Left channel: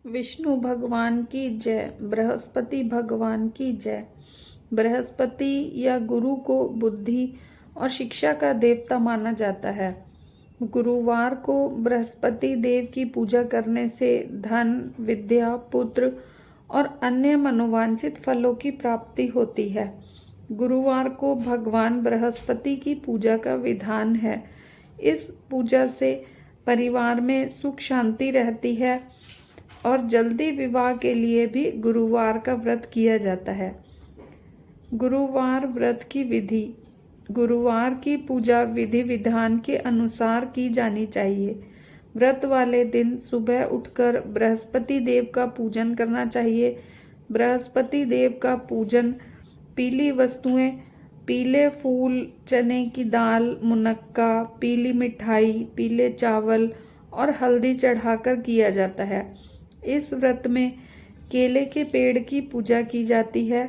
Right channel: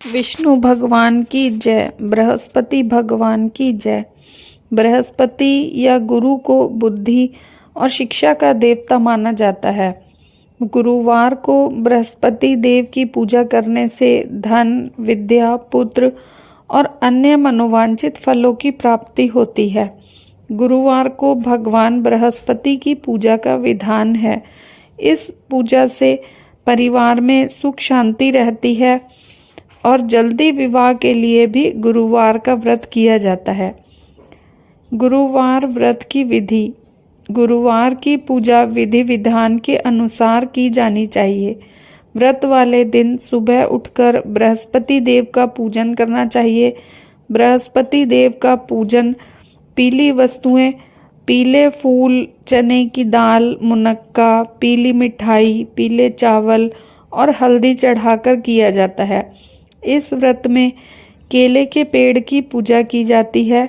विष्णु भगवान की जय। बृहस्पति भगवान की जय। बृहस्पति या गुरु को बुद्धि और शिक्षा का देवता माना जाता है। गुरुवार को बृहस्पति देव की पूजा करने से धन, विद्या, पुत्र और अन्य मनोवांछित फलों की प्राप्ति होती है। गुरुवार को भगवान बृहस्पति की पूजा का विधान है। इस पूजा से परिवार में सुख शांति रहती है और जल्दी विवाह के लिए भी गुरुवार का व्रत किया जाता है। गुरुवार व्रत की विधि। गुरुवार की पूजा विधि विधान के अनुसार की जानी चाहिए। व्रत वाले दिन सुबह उठकर बृहस्पति देव का पूजन करना चाहिए। बृहस्पति देव का पूजन पीली वस्तुएं, पीले फूल, चने की दाल, मुनक्का, पीली मिठाई, पीले चावल और हल्दी चढ़ाकर किया जाता है। इस व्रत में केले के पेड़ की पूजा की जाती है।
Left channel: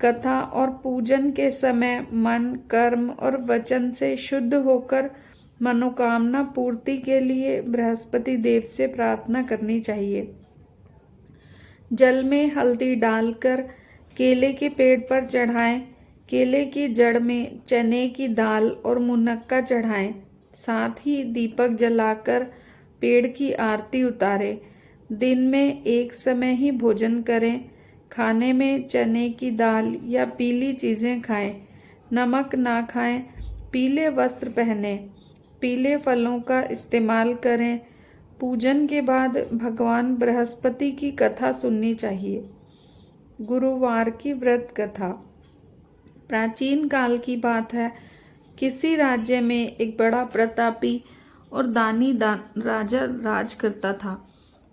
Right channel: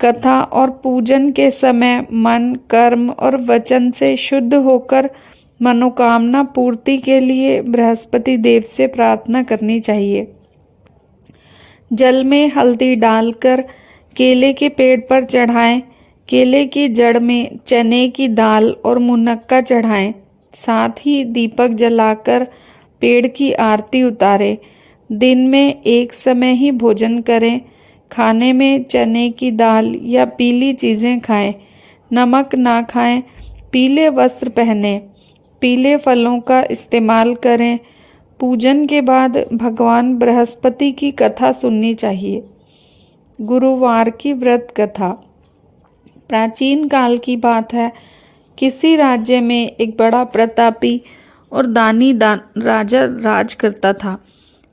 कथा और पूजन के समय मन, कर्म और वचन से शुद्ध होकर मनोकामना पूर्ति के लिए बृहस्पति देव से प्रार्थना करनी चाहिए। जल में हल्दी डालकर केले के पेड़ पर चढ़ाएं। केले की जड़ में चने की दाल और मुनक्का चढ़ाएं। साथ ही दीपक जलाकर पेड़ की आरती उतारें। दिन में एक समय ही भोजन करें। खाने में चने की दाल या पीली चीज़ें खाएं। नमक ना खाएं। पीले वस्त्र पहनें। पीले फलों का इस्तेमाल करें। पूजन के बाद भगवान बृहस्पति की कथा सुननी चाहिए। गुरुवार की व्रत कथा। प्राचीन काल की बात है। किसी राज्य में एक बड़ा प्रतापी और दानी राजा राज करता था।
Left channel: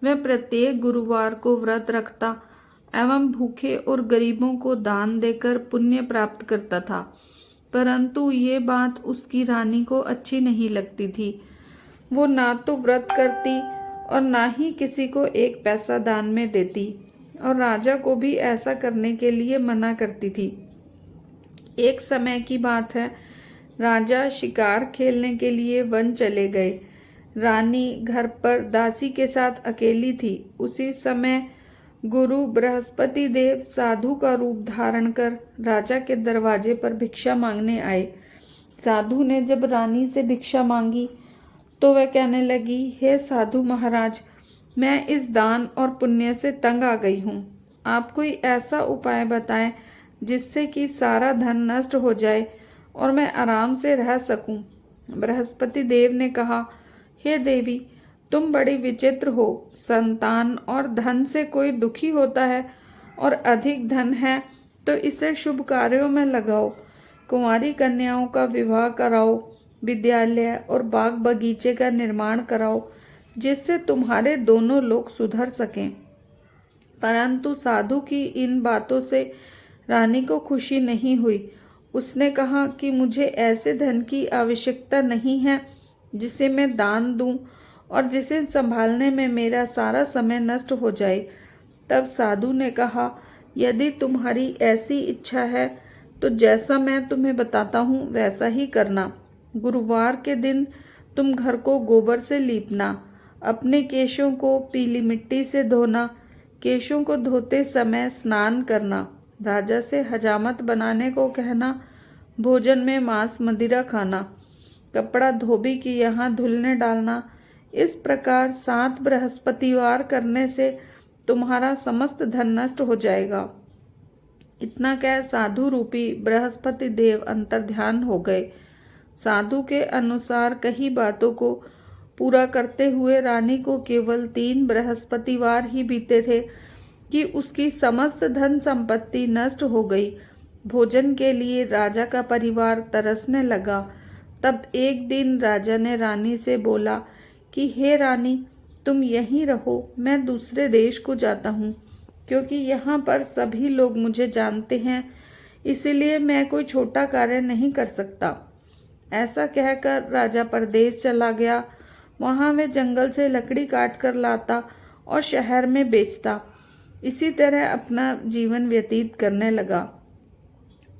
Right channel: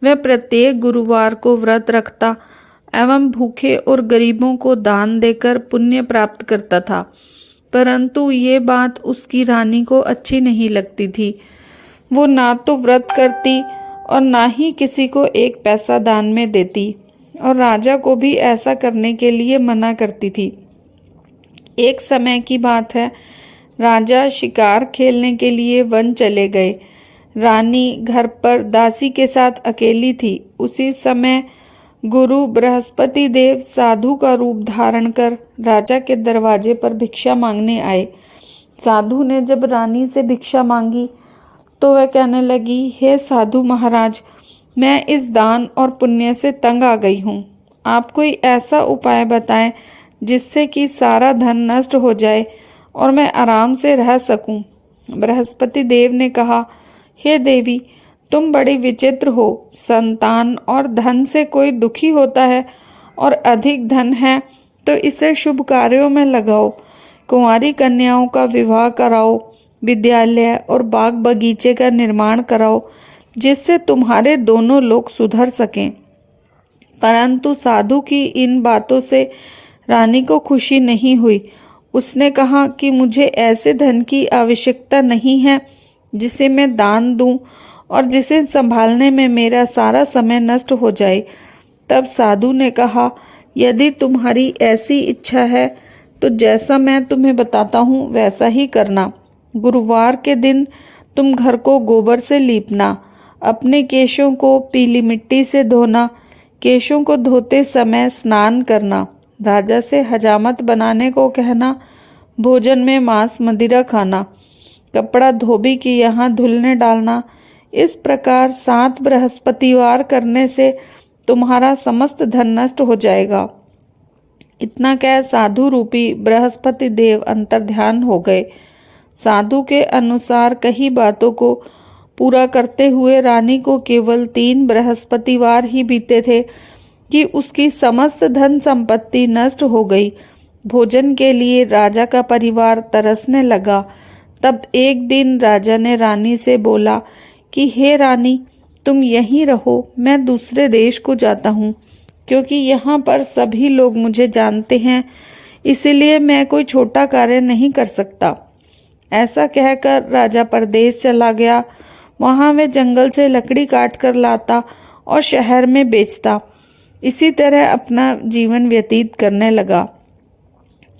वह प्रत्येक गुरुवार को व्रत रखता एवं भूखे और गरीबों को दान देकर पुण्य प्राप्त करता था। परंतु ये बात उसकी रानी को अच्छी नहीं लगती थी। वो ना तो व्रत करती और ना ही किसी को एक पैसा दान में देती, और राजा को भी ऐसा करने के लिए मना करती थी। एक समय की बात है। राजा शिकार खेलने के लिए वन चले गए। रानी घर पर दासी के साथ अकेली थी। उसी समय गुरु बृहस्पति देव साधु का रूप धारण कर राजा के दरवाजे पर भिक्षा मांगने आए। साधु ने जब रानी से भिक्षा मांगी तो वह कहने लगी, हे साधु महाराज, मैं इस दान और पुण्य से तंग आ गई हूँ। आप कोई ऐसा उपाय बताएं जिससे कि सारा धन नष्ट हो जाए और मैं आराम से रह सकूं। बृहस्पति देव ने कहा, हे देवी, तुम बड़ी विचित्र हो। संतान और धन से कोई दुखी होता है और अधिक धन है तो इसे शुभ कार्यों में लगाओ। कुंवारी कन्याओं का विवाह कराओ। विद्यालय और बाग बगीचे का निर्माण कराओ जिससे तुम्हारे दोनों लोग सुधर सकें। परंतु साधु की इन बातों से रानी को खुशी नहीं हुई। उसने कहा कि मुझे ऐसे धन की आवश्यकता नहीं है जिसे मैं दान दूं और जिसे संभालने में मेरा सारा समय नष्ट हो जाए। तब साधु ने कहा, यदि तुम्हारी ऐसी इच्छा है तो जैसा मैं तुम्हें बताता हूँ वैसा ही करना। गुरुवार के दिन तुम घर को गोबर से लीपना। अपने केशों को पीली मिट्टी से धोना। केशों को धोते समय स्नान करना। राजा से हजामत बनाने को कहना। भोजन में मांस मदिरा खाना। कपड़ा धोबी के यहाँ धुलने डालना। इस प्रकार 7 बृहस्पतिवार करने से तुम्हारा समस्त धन नष्ट हो जाएगा। इतना कह साधु रूपी बृहस्पति देव अंतर्ध्यान हो गए। साधु के अनुसार कई बातों को पूरा करते हुए रानी को केवल 3 बृहस्पतिवार ही बीते थे कि उसकी समस्त धन संपत्ति नष्ट हो गई। भोजन के लिए राजा का परिवार तरसने लगा। तब एक दिन राजा ने रानी से बोला कि हे रानी, तुम यहीं रहो, मैं दूसरे देश को जाता हूँ, क्योंकि यहाँ पर सभी लोग मुझे जानते हैं, इसीलिए मैं कोई छोटा कार्य नहीं कर सकता। ऐसा कहकर राजा परदेश चला गया। वहाँ वे जंगल से लकड़ी काट कर लाता और शहर में बेचता। इसी तरह अपना जीवन व्यतीत करने लगा।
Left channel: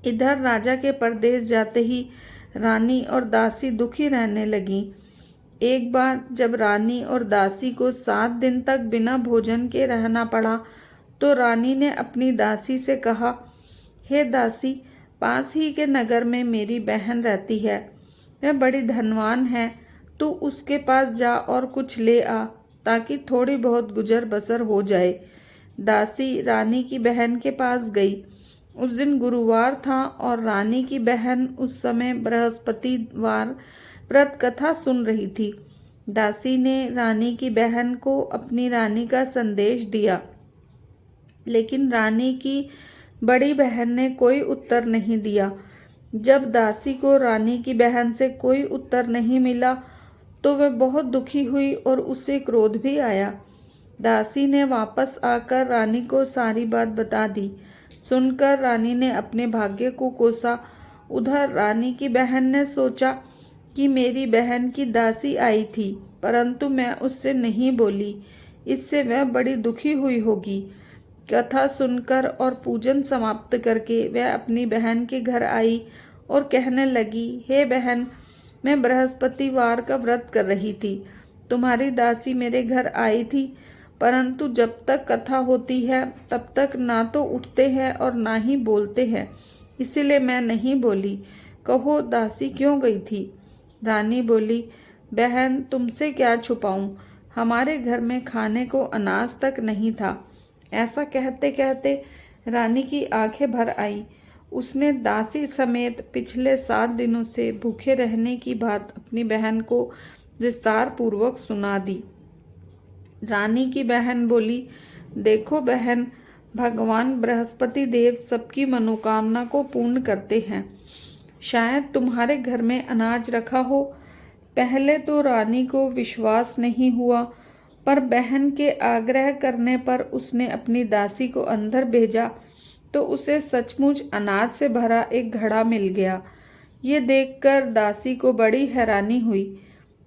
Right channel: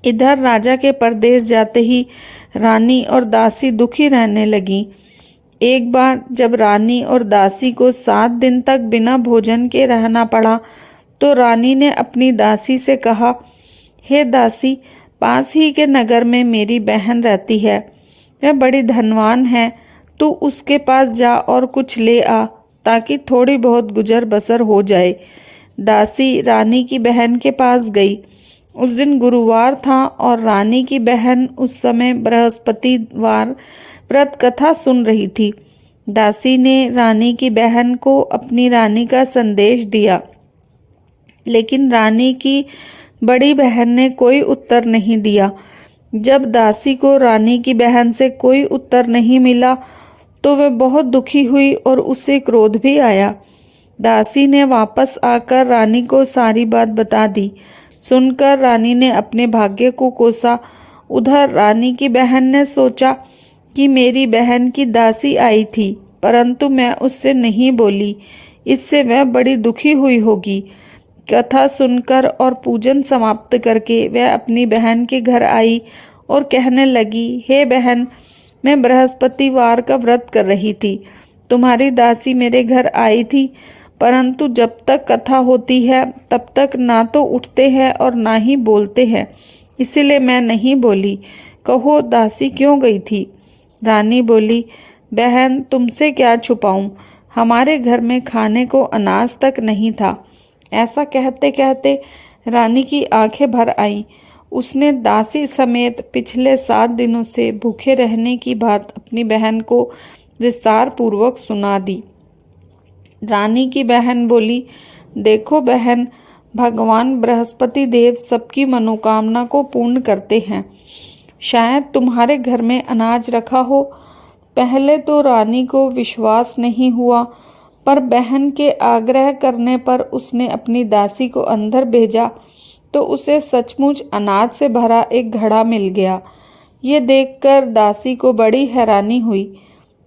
इधर राजा के परदेश जाते ही रानी और दासी दुखी रहने लगी। एक बार जब रानी और दासी को 7 दिन तक बिना भोजन के रहना पड़ा तो रानी ने अपनी दासी से कहा, हे दासी, पास ही के नगर में मेरी बहन रहती है, वह बड़ी धनवान है, तू उसके पास जा और कुछ ले आ ताकि थोड़ी बहुत गुजर बसर हो जाए। दासी रानी की बहन के पास गई। उस दिन गुरुवार था और रानी की बहन उस समय बृहस्पतिवार व्रत कथा सुन रही थी। दासी ने रानी की बहन को अपनी रानी का संदेश दिया, लेकिन रानी की बड़ी बहन ने कोई उत्तर नहीं दिया। जब दासी को रानी की बहन से कोई उत्तर नहीं मिला तो वह बहुत दुखी हुई और उसे क्रोध भी आया। दासी ने वापस आकर रानी को सारी बात बता दी। सुनकर रानी ने अपने भाग्य को कोसा। उधर रानी की बहन ने सोचा कि मेरी बहन की दासी आई थी, परंतु मैं उससे नहीं बोली, इससे वह बड़ी दुखी हुई होगी। कथा सुनकर और पूजन समाप्त करके वह अपनी बहन के घर आई और कहने लगी, हे बहन, मैं बृहस्पतिवार का व्रत कर रही थी। तुम्हारी दासी मेरे घर आई थी, परंतु जब तक कथा होती है तब तक ना तो उठते हैं और ना ही बोलते हैं, इसीलिए मैं नहीं बोली। कहो दासी क्यों गई थी? रानी बोली, बहन, तुमसे क्या छुपाऊं, हमारे घर में खाने को अनाज तक नहीं था। ऐसा कहते कहते रानी की आंखें भर आईं। उसने दासी समेत पिछले 7 दिनों से भूखे रहने की बात अपनी बहन को विस्तार पूर्वक सुना दी। रानी की बहन बोली, देखो बहन, भगवान बृहस्पति देव सबकी मनोकामना को पूर्ण करते हैं। शायद तुम्हारे घर में अनाज रखा हो। पहले तो रानी को विश्वास नहीं हुआ, पर बहन के आग्रह करने पर उसने अपनी दासी को अंदर भेजा तो उसे सचमुच अनाज से भरा एक घड़ा मिल गया। ये देखकर दासी को बड़ी हैरानी हुई।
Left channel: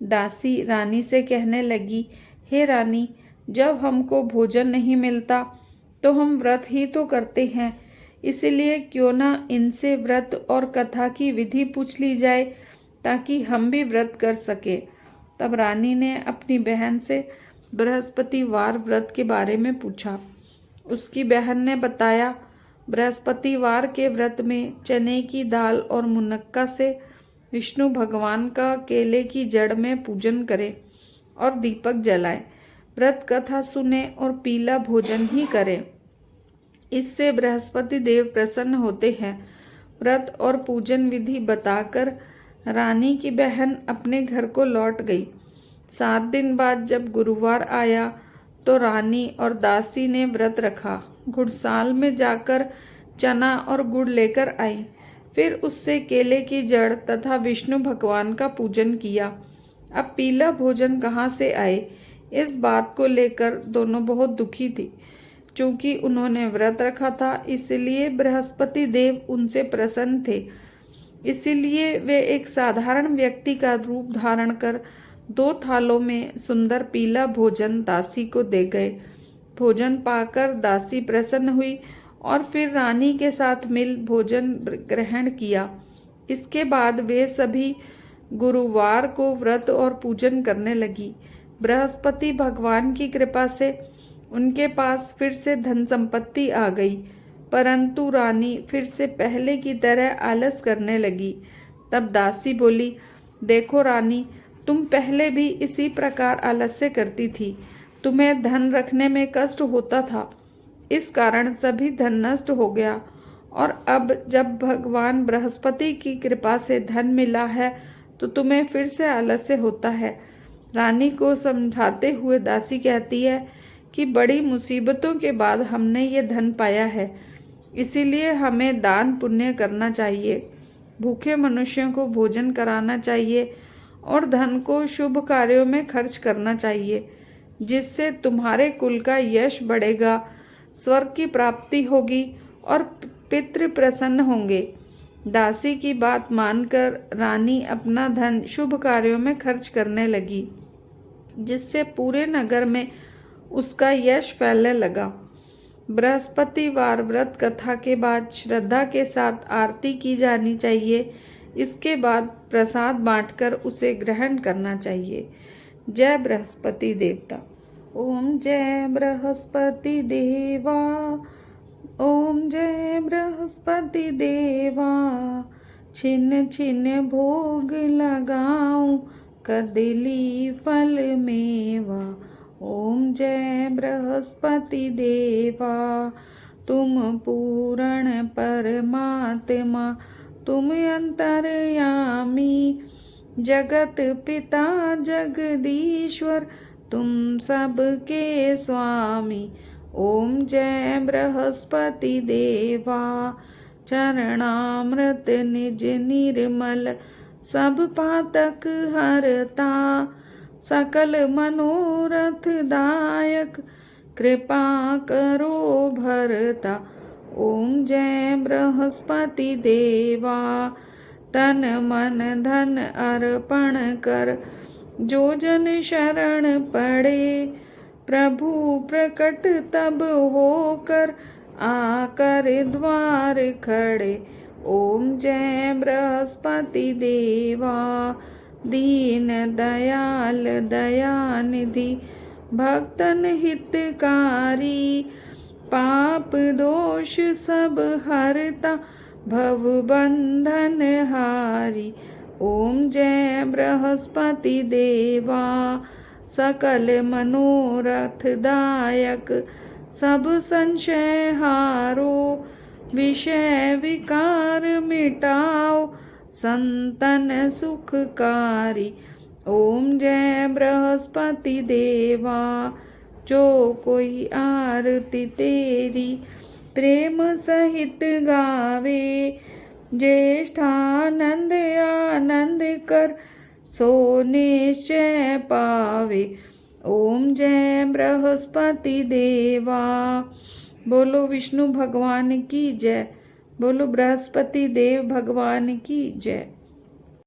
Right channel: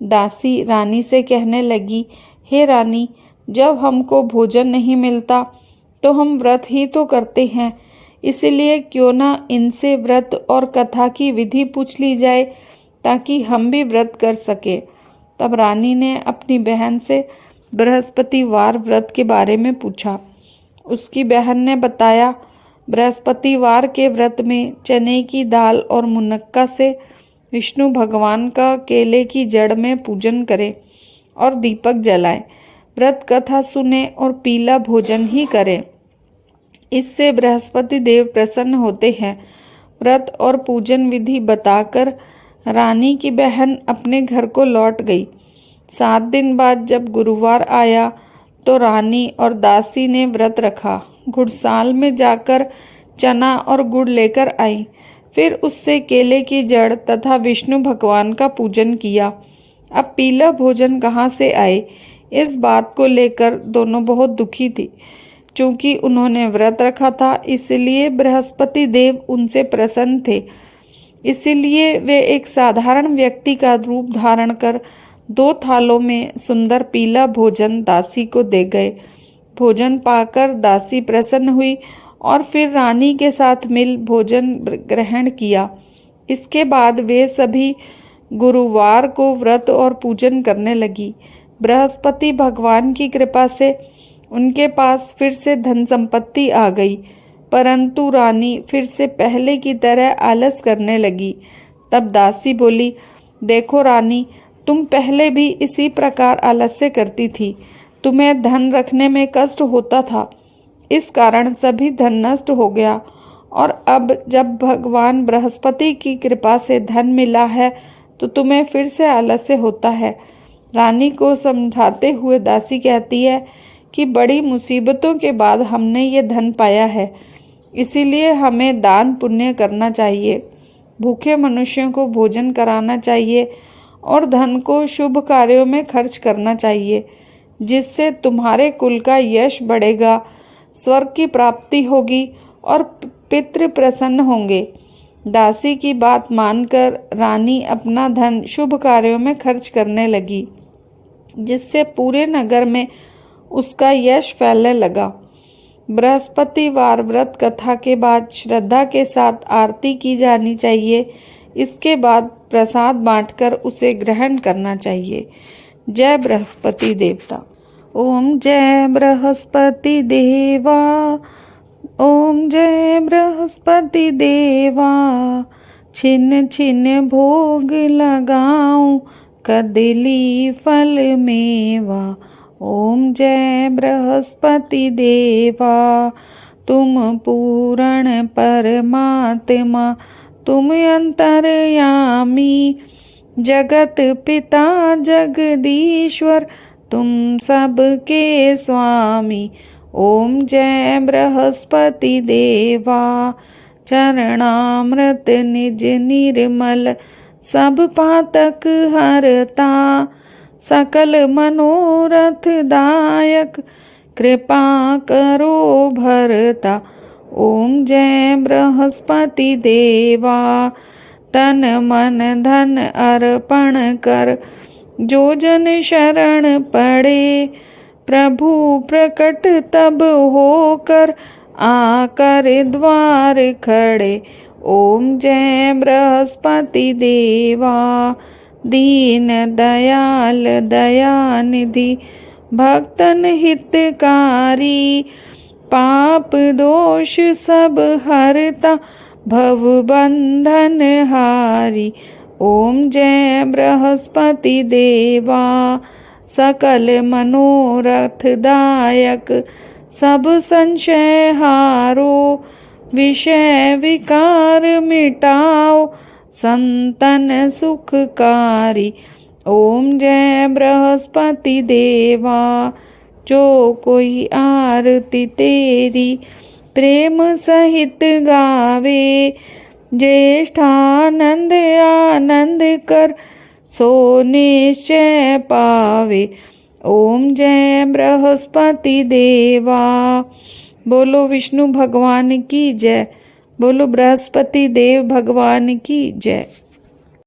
दासी रानी से कहने लगी, हे रानी, जब हमको भोजन नहीं मिलता तो हम व्रत ही तो करते हैं, इसलिए क्यों ना इनसे व्रत और कथा की विधि पूछ ली जाए ताकि हम भी व्रत कर सके। तब रानी ने अपनी बहन से बृहस्पतिवार व्रत के बारे में पूछा। उसकी बहन ने बताया, बृहस्पतिवार के व्रत में चने की दाल और मुनक्का से विष्णु भगवान का केले की जड़ में पूजन करें और दीपक जलाएं, व्रत कथा सुने और पीला भोजन ही करें। इससे बृहस्पति देव प्रसन्न होते हैं। व्रत और पूजन विधि बताकर रानी की बहन अपने घर को लौट गई। 7 दिन बाद जब गुरुवार आया तो रानी और दासी ने व्रत रखा। घुड़साल में जाकर चना और गुड़ लेकर आई, फिर उससे केले की जड़ तथा विष्णु भगवान का पूजन किया। अब पीला भोजन कहाँ से आए, इस बात को लेकर दोनों बहुत दुखी थी। चूंकि उन्होंने व्रत रखा था, इसलिए बृहस्पति देव उनसे प्रसन्न थे। इसीलिए वे एक साधारण व्यक्ति का रूप धारण कर 2 थालों में सुंदर पीला भोजन दासी को दे गए। भोजन पाकर दासी प्रसन्न हुई और फिर रानी के साथ मिल भोजन ग्रहण किया। इसके बाद वे सभी गुरुवार को व्रत और पूजन करने लगी। बृहस्पति भगवान की कृपा से उनके पास फिर से धन संपत्ति आ गई, परंतु रानी फिर से पहले की तरह आलस करने लगी। तब दासी बोली, देखो रानी, तुम पहले भी इसी प्रकार आलस्य करती थी। तुम्हें धन रखने में कष्ट होता था, इस कारण सभी धन नष्ट हो गया, और अब जब भगवान बृहस्पति की कृपा से धन मिला है तो तुम्हें फिर से आलस्य होता है। रानी को समझाते हुए दासी कहती है कि बड़ी मुसीबतों के बाद हमने ये धन पाया है, इसीलिए हमें दान पुण्य करना चाहिए, भूखे मनुष्यों को भोजन कराना चाहिए और धन को शुभ कार्यों में खर्च करना चाहिए, जिससे तुम्हारे कुल का यश बढ़ेगा, स्वर्ग की प्राप्ति होगी और पितृ प्रसन्न होंगे। दासी की बात मानकर रानी अपना धन शुभ कार्यों में खर्च करने लगी, जिससे पूरे नगर में उसका यश फैलने लगा। बृहस्पतिवार व्रत कथा के बाद श्रद्धा के साथ आरती की जानी चाहिए, इसके बाद प्रसाद बांटकर उसे ग्रहण करना चाहिए। जय बृहस्पति देवता। ओम जय बृहस्पति देवा, ओम जय बृहस्पति देवा। छिन छिन भोग लगाऊं, कदली फल मेवा। ओम जय बृहस्पति देवा। तुम पूर्ण परमात्मा, तुम अंतर्यामी, जगत पिता जगदीश्वर, तुम सबके स्वामी। ओम जय बृहस्पति देवा। चरणामृत निज निर्मल, सब पातक हरता, सकल मनोरथ दायक, कृपा करो भरता। ओम जय बृहस्पति देवा। तन मन धन अर्पण कर, जो जन शरण पड़े, प्रभु प्रकट तब होकर, आकर द्वार खड़े। ओम जय बृहस्पति देवा। दीन दयाल दयानिधि, भक्तन हितकारी, पाप दोष सब हरता, भव बंधन हारी। ओम जय बृहस्पति देवा। सकल मनोरथ दायक, सब संशय हारो, विषय विकार मिटाओ, संतन सुखकारी। ओम जय बृहस्पति देवा। जो कोई आरती तेरी प्रेम सहित गावे, ज्येष्ठानंद आनंद कर, सो निश्चय पावे। ओम जय बृहस्पति देवा। बोलो विष्णु भगवान की जय, बोलो बृहस्पति देव भगवान की जय।